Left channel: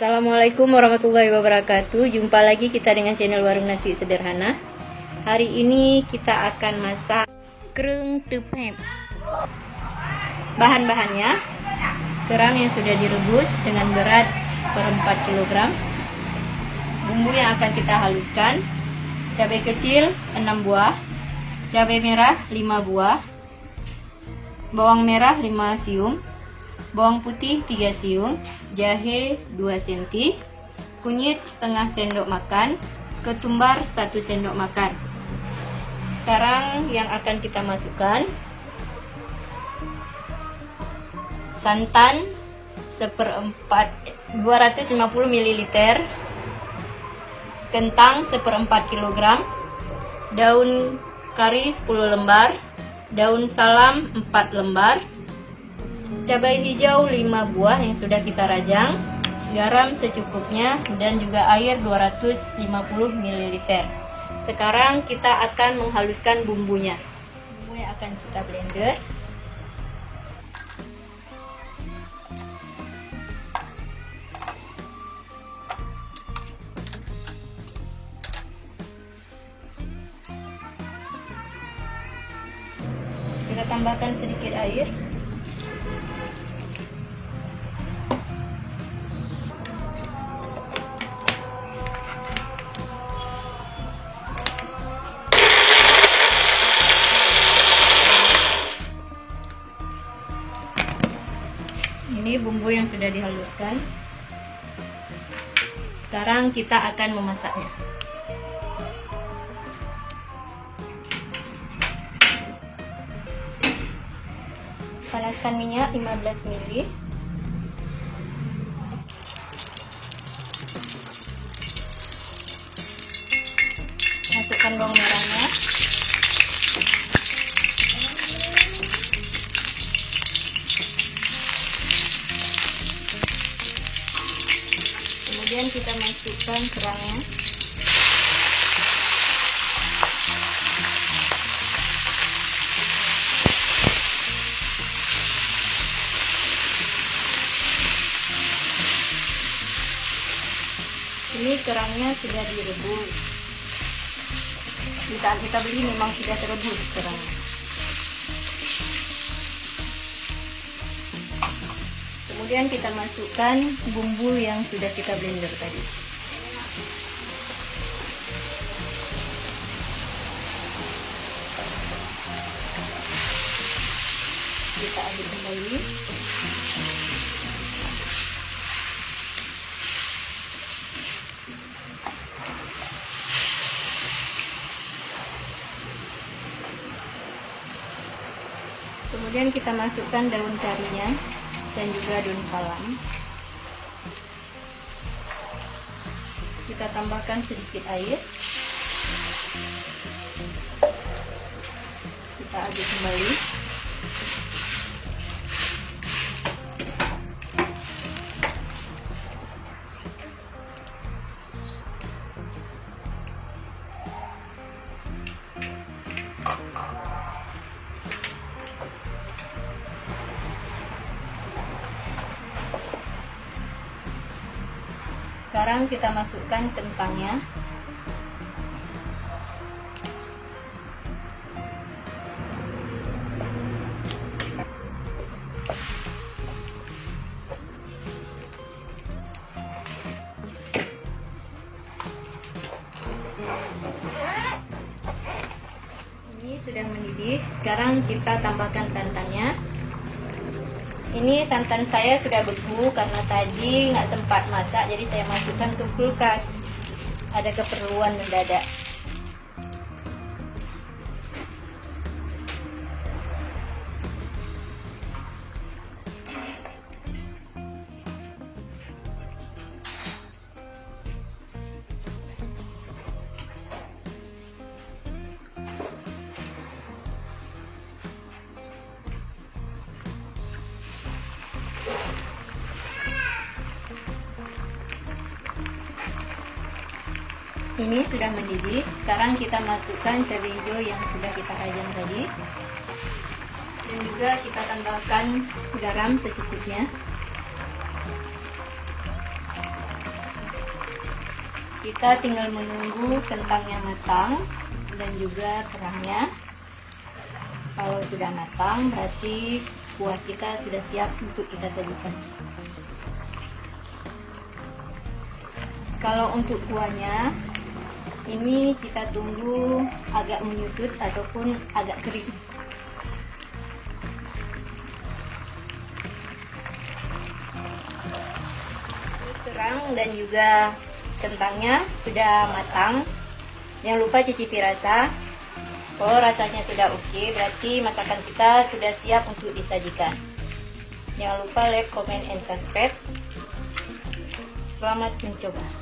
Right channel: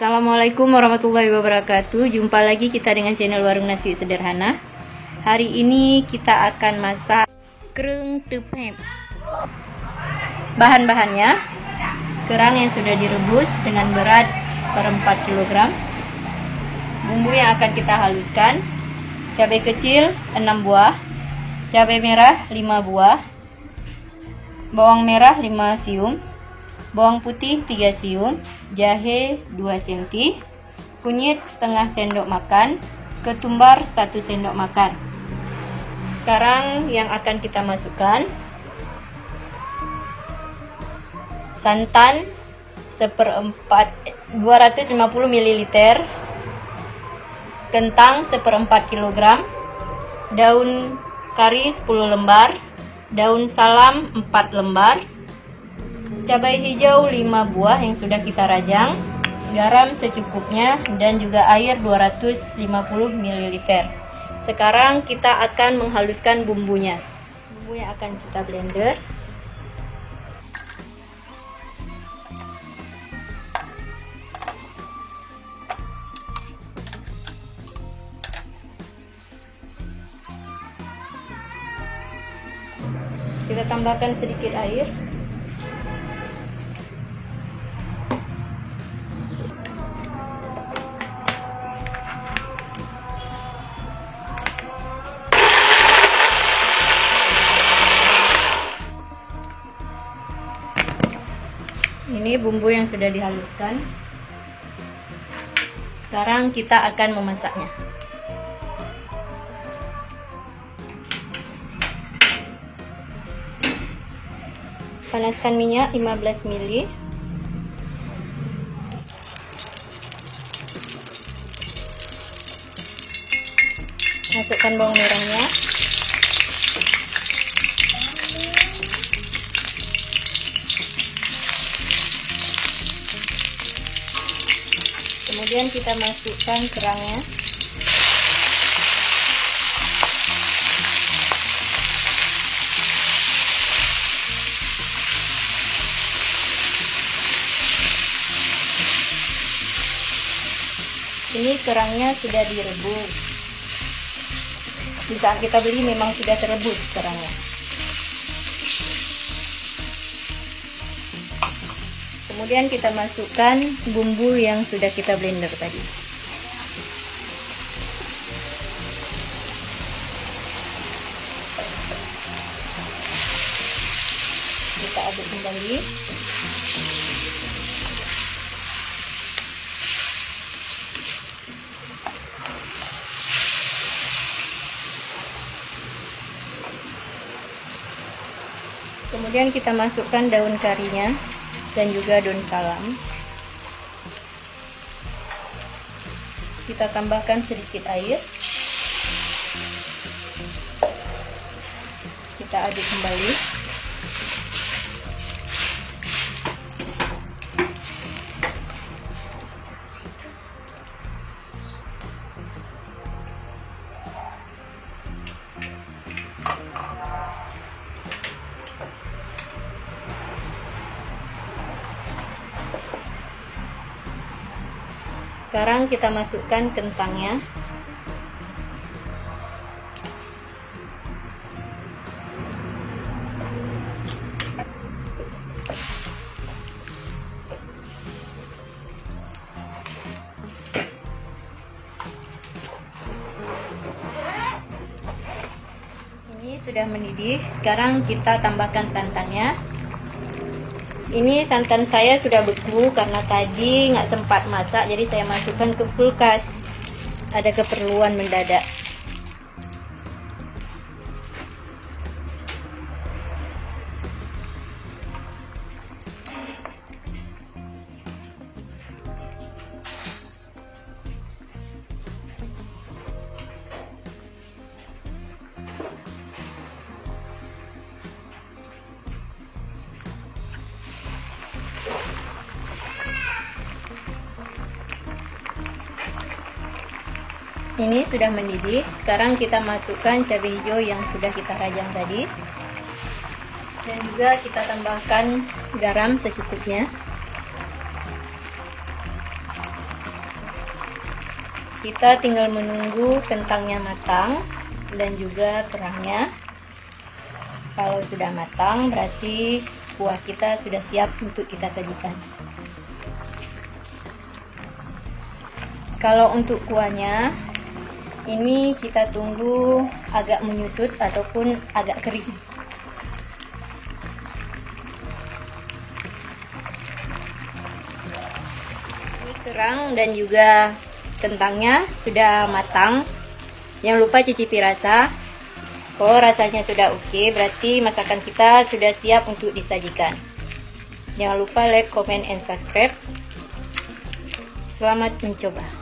Assalamualaikum warahmatullahi wabarakatuh. Jumpa lagi kita dengan channel Warung Nasi Sederhana. Hari ini kita akan masak kerang tepep. Bahan-bahannya: kerang yang sudah direbus dengan berat 1/4 kg. Bumbu yang akan kita haluskan: cabai kecil 6 buah, cabai merah 5 buah, bawang merah 5 siung, bawang putih 3 siung, jahe 2 cm, kunyit setengah sendok makan, ketumbar 1 sendok makan. Sekarang yang akan kita masukkan: santan 250 ml, kentang 1/4 kg, daun kari 10 lembar, daun salam 4 lembar, cabai hijau 5 buah yang sudah kita rajang, garam secukupnya, dan juga air 250 ml. Sekarang kita akan menghaluskan bumbunya. Bumbu yang akan kita blender: kita tambahkan sedikit air, ini bumbu yang sudah dihaluskan. Sekarang kita akan memasaknya. Panaskan minyak 15 ml. Masukkan bawang merahnya. Kemudian kita masukkan kerangnya. Ini kerangnya sudah direbus. Di saat kita beli memang sudah terebus kerangnya. Kemudian kita masukkan bumbu yang sudah kita blender tadi. Kita aduk kembali. Kemudian kita masukkan daun karinya dan juga daun salam. Kita tambahkan sedikit air. Kita aduk kembali. Sekarang kita masukkan kentangnya. Ini sudah mendidih. Sekarang kita tambahkan santannya. Ini santan saya sudah beku karena tadi nggak sempat masak, jadi saya masukkan ke kulkas. Ada keperluan mendadak. Ini sudah mendidih. Sekarang kita masukkan cabai hijau yang sudah kita rajang tadi, dan juga kita tambahkan garam secukupnya. Kita tinggal menunggu kentangnya matang dan juga kerangnya. Kalau sudah matang berarti kuah kita sudah siap untuk kita sajikan. Kalau untuk kuahnya ini kita tunggu agak menyusut ataupun agak kering. Kerang dan juga kentangnya sudah matang. Jangan lupa cicipi rasa. Kalau rasanya sudah oke, berarti masakan kita sudah siap untuk disajikan. Jangan lupa like, comment, and subscribe. Selamat mencoba.